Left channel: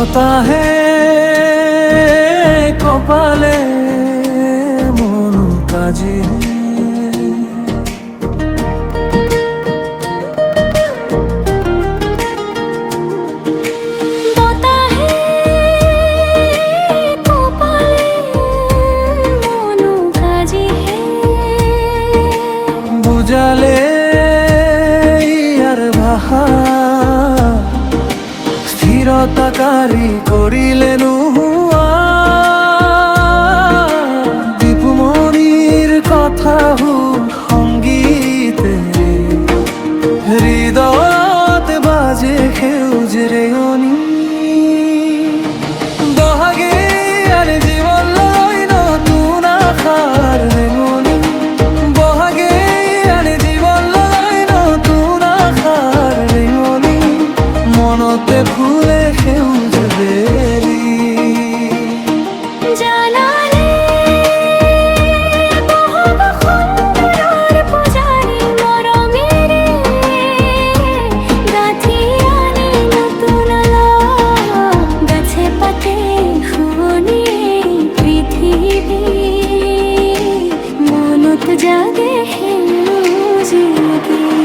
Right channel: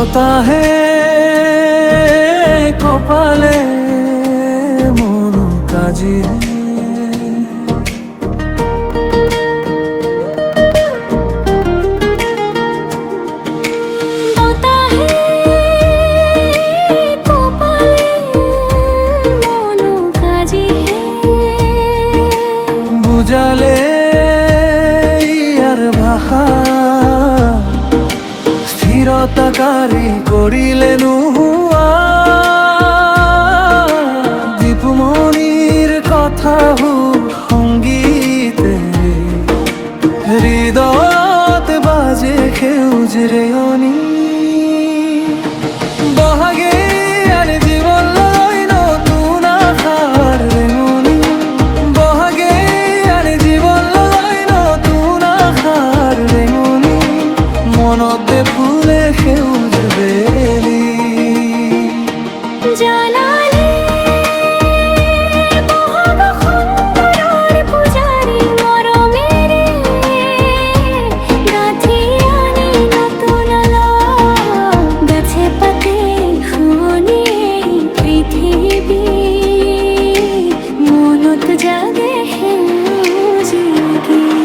বতাহে কপালে মন কাজী বুঝালে আর ভাষা স্থিরতাকারী করিলে নুহুয়া দীপমণির কথা সংগীতে হৃদয়ত বাজে সেউজ ৰেয়নি বহাগে আনে জীৱন লৈ নতুন আশাৰ ৰেঙনি বহাগে আনে জীৱন লৈ নতুন আশাৰ ৰেঙনি মনতে ফুলে সেউজ বেলি জানালে বহব সুন্দৰৰ পূজাৰী মৰমেৰে গাঁঠি আনি নতুন গাছে পাতে শুৱনিয়ে পৃথিৱী মনত জাগে সেউজী গীত।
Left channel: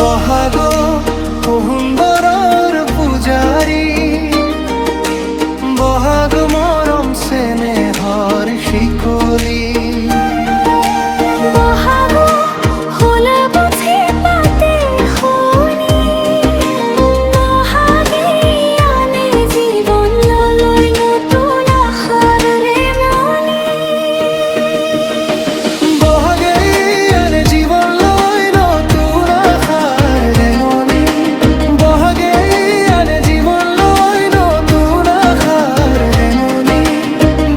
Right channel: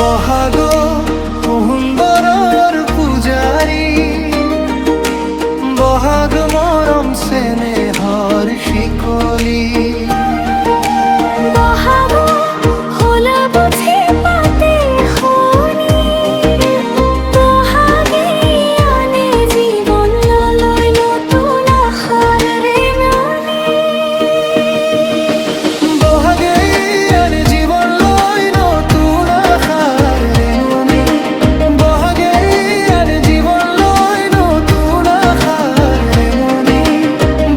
বহাগ সুন্দৰৰ পূজাৰী বহাগ মৰম চেনেহৰ শিকলি বহাগ হল বুঝি পাতে শুনি বহাগে আনে জীৱন লৈ নতুন আশাৰ ৰেঙনি বহাগে আনে জীৱন লৈ নতুন আশাৰ ৰেঙনি বহাগে আনে জীৱন লৈ নতুন আশাৰ ৰেঙনি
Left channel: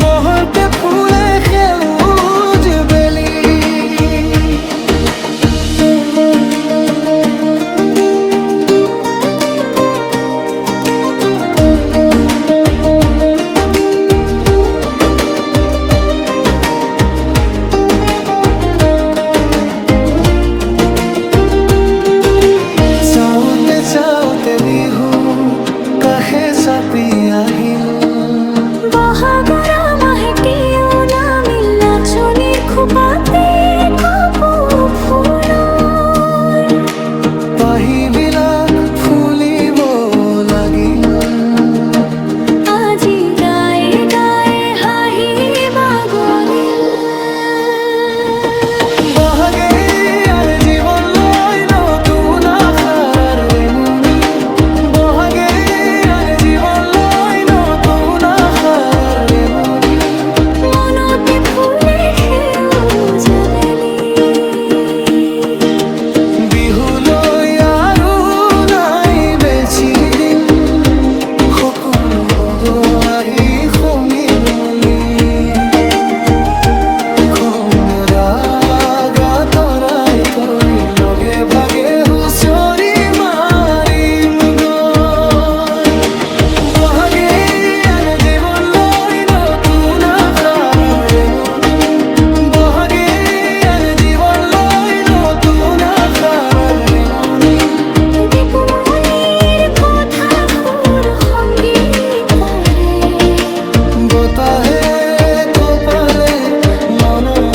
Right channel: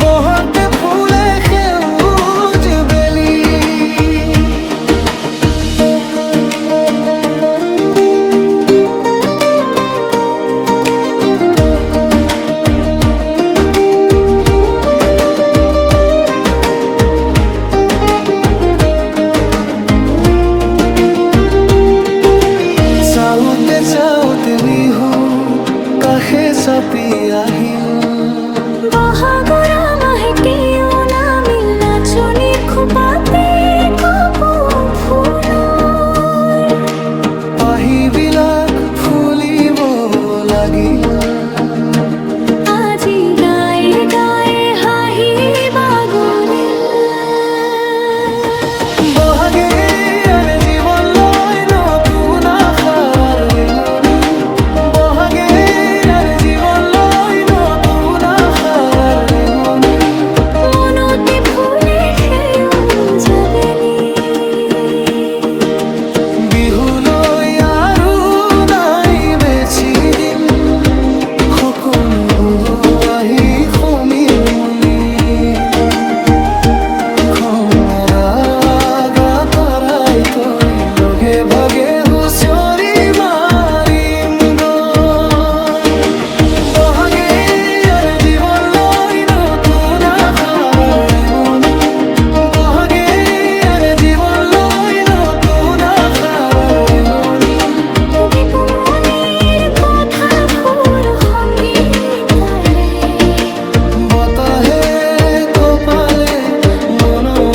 বহন্তে ফুলে সেউজ বেলি চাওঁতে চাওঁতে বিহু কাষে চাপি আহিল বহাগৰ মাহেতিও নামিল নাচনিৰ খোপাতে কপৌ ফুলৰ পাহিবিলাক ফুলিব লাগিল আজি গায়ে গায়ে হাঁহি বাগৰিল বহাগে আনে জীৱন লৈ নতুন আশাৰ ৰেঙনি বহাগে আনে জীৱন লৈ নতুন আশাৰ ৰেঙনি মনতে ফুলে সেউজ বেলি বিহুলৈ আৰু নাই বেছি দিন সকলো বগ আহি সমিল মলি খৰাগা তৰাই তই লগে ভাগে হুঁচৰি মাৰিম গৈ বহাগে আনে জীৱন লৈ নতুন আশাৰ ৰেঙনি বহাগে আনে জীৱন লৈ নতুন আশাৰ ৰেঙনি দীপমণিৰ কথাবোৰ সংগীতৰে বতাহে কপালে মনৰ